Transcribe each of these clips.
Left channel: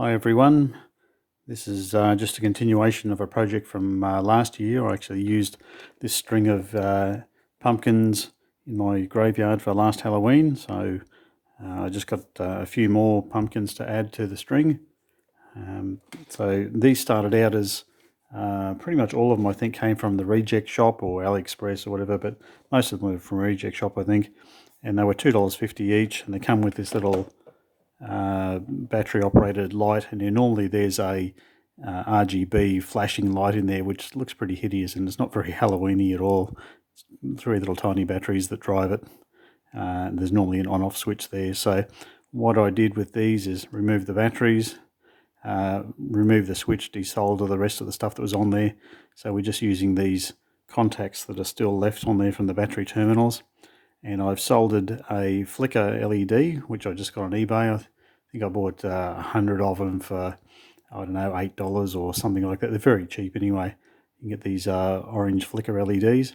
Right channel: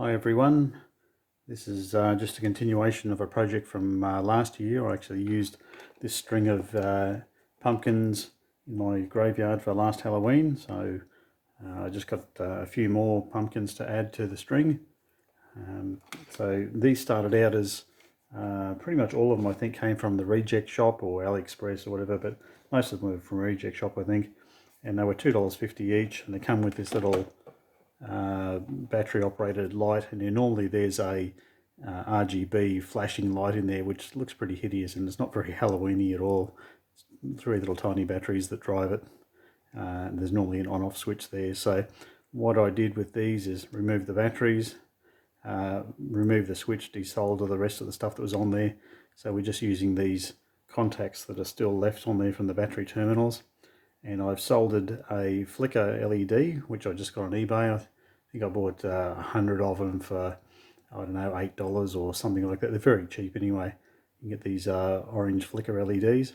Hi everyone, this is just a continuation of a project from last year. I actually used this string of pumpkins in my graveyard for last Halloween, so I just got a few more pumpkins to add to the string. So these started out as pretty much all of them I think came from the reject shop or AliExpress or whatever, but most of them were from reject shop I think, and they were $2.50 each, and they come with this little battery operated light, and then normally there's a RGB flashing light in there which looks pretty hideous, and it's not very Halloweeny at all. It's three little tiny batteries that drive it, and there's normally an on-off switch there. So what I did with these is remove the batteries, remove the switch, desolder the rest of the stuff that was on there. So we're just using these contacts that are still left on there from the battery terminals. And I've soldered a flicker LED, which I just got on eBay. I think I bought 100 of them for, I don't know, $8 or something like that. They're very cheap anyway. You can get these orange flicker LEDs,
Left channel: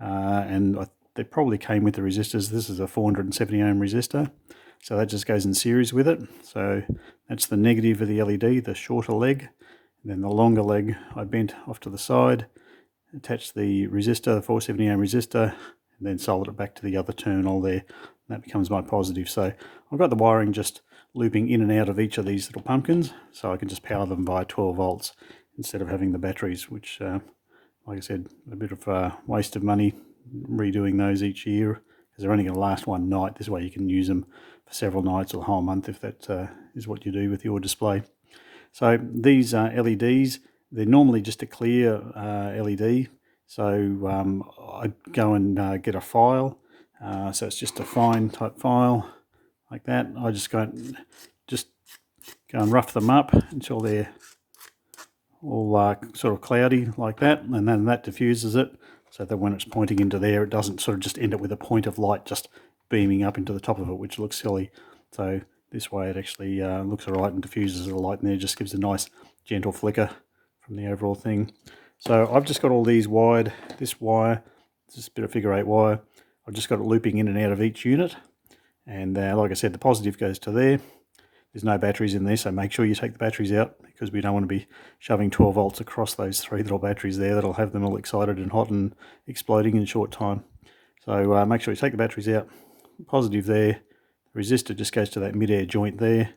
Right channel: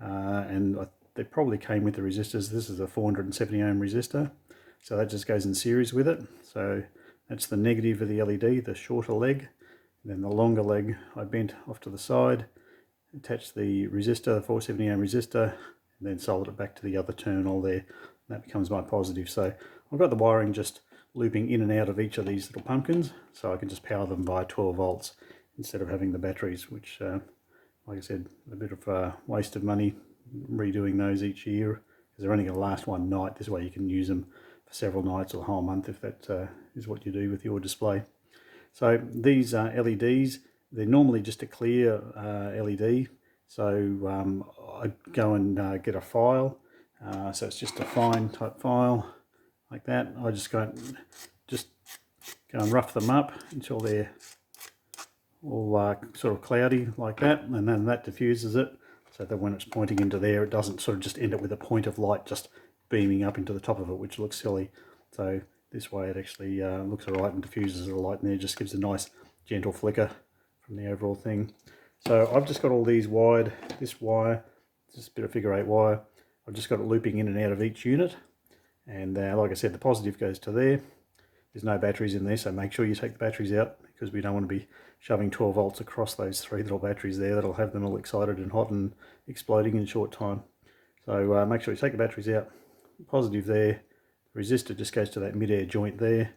and they probably came with the resistors. This is a 470 ohm resistor, so that just goes in series with it. So that's the negative of the LED, the shorter leg. And then the longer leg I bent off to the side, attached the resistor, the 470 ohm resistor, and then solder it back to the other terminal there. That becomes my positive. So I've got the wiring just looping in and out of each of these little pumpkins, so I can just power them by 12 volts instead of having the batteries, which, like I said, a bit of a waste of money redoing those each year, because they're only going to last one night. This way you can use them for several nights or a whole month if that is what you do with your display. So these LEDs, they're normally just a clear LED. So I go and get a file. So it's just a fine type file like that. I just go and rough them up until they're all sort of cloudy like that, and then that diffuses it, so that when it's pointing into there, it doesn't sort of just end up with a point of light just beaming up into the top of it, which looks silly. So this way it actually looks alright and diffuses the light in there, just gives a nice gentle flicker from the overall thing. So I've just got all these wired, this wire, just a bit of figure 8 wire, I've just got it looping in and out of each unit, and like I said, the positive goes to there. There's no batteries in there, so make sure you take the batteries out, because we don't want to be shoving 12 volts across those three little batteries there. That'll have them all excited and hot and exploding in a short time. So make sure you take the batteries out. Positive there. The resistor just goes to that mid-air joint there,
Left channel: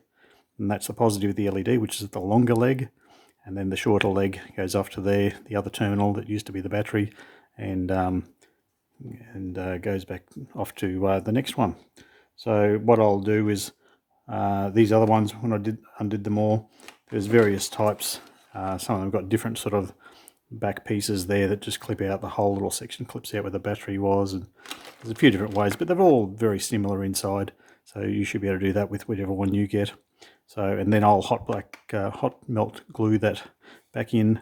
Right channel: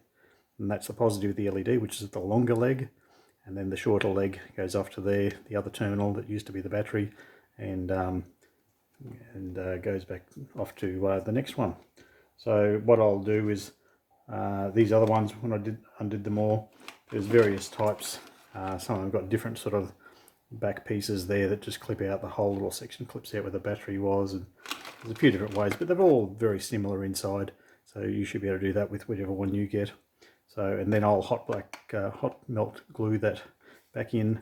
and that's the positive of the LED, which is the longer leg, and then the shorter leg goes off to there, the other terminal that used to be the battery, and goes back off to the next one. So what I'll do is these other ones, when I undid them all, there's various types. Some of them got different sort of back pieces there that just clip out. The whole little section clips out where the battery was, and there's a few different ways, but they're all very similar inside, so you should be able to do that with whichever one you get. So, and then I'll hot melt glue that back in,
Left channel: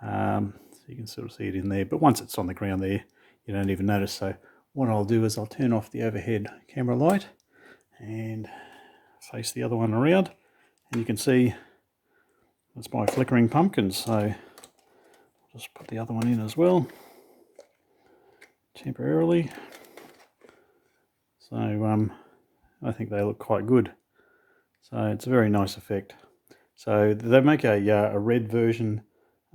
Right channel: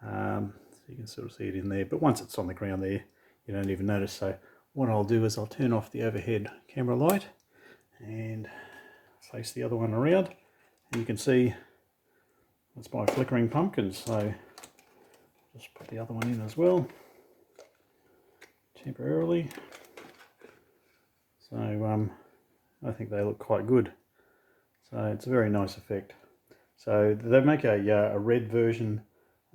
so you can sort of see it in there, but once it's on the ground there, you don't even notice. So what I'll do is I'll turn off the overhead camera light and face the other one around, and you can see that's my flickering pumpkins. So just put the other one in as well temporarily. So I think they look quite good, so it's a very nice effect. So they make a red version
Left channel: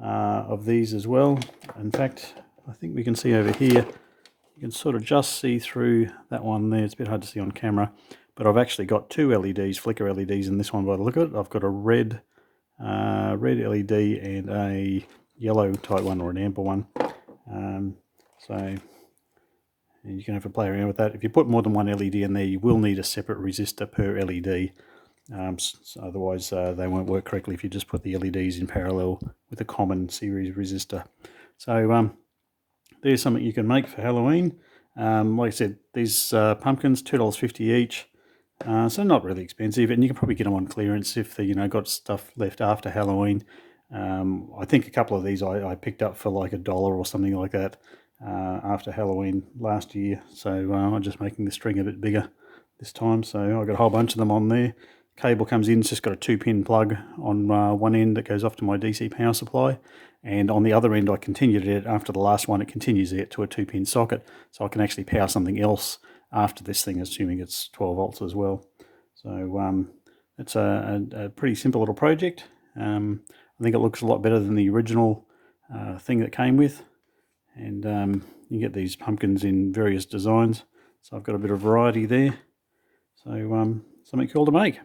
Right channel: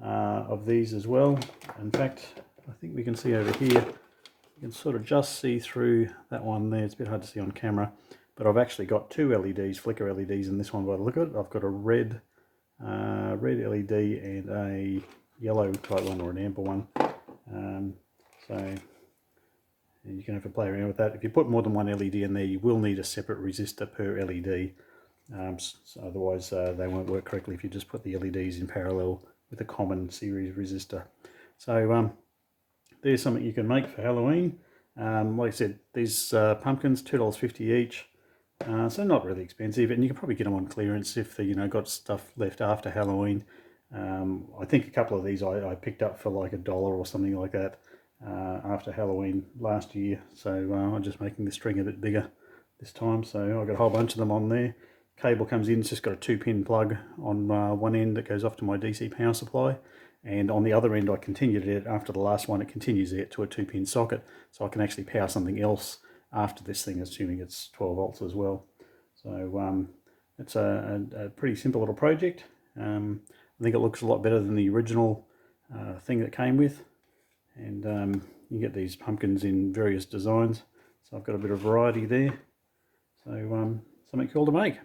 of these as well. In fact, I think we can see over here, you can sort of just see through that one there. It's a bit hard to see on camera, but I've actually got two LEDs, flicker LEDs in this one by the look of it. I've got a red LED and a yellow type one, or an amber one. So you can have a play around with that. If you put more than one LED in there, you will need a separate resistor per LED. So otherwise they won't work correctly if you just put the LEDs in parallel with a common series resistor. So there's something you can make for Halloween. Like I said, these pumpkins, $2.50 each, so not really expensive, and you can probably get them on clearance if they got stuff left after Halloween. I think a couple of these I picked up for like $1 or something like that after Halloween last year. So I'm just making the string a bit bigger this time. So I've got a whole bunch of them on there. Cable comes in, it's just got a 2-pin plug on one end that goes off to my DC power supply, and on the other end I continued it after the last one. It continues it to a 2-pin socket, so I can actually power something else after this thing, assuming it's 12 volts as well. So it's a pretty simple little project. I think it looks a lot better than the original thing that came with, and you get these pumpkins in various designs, so I've got a bit of variety there, so something cool to make.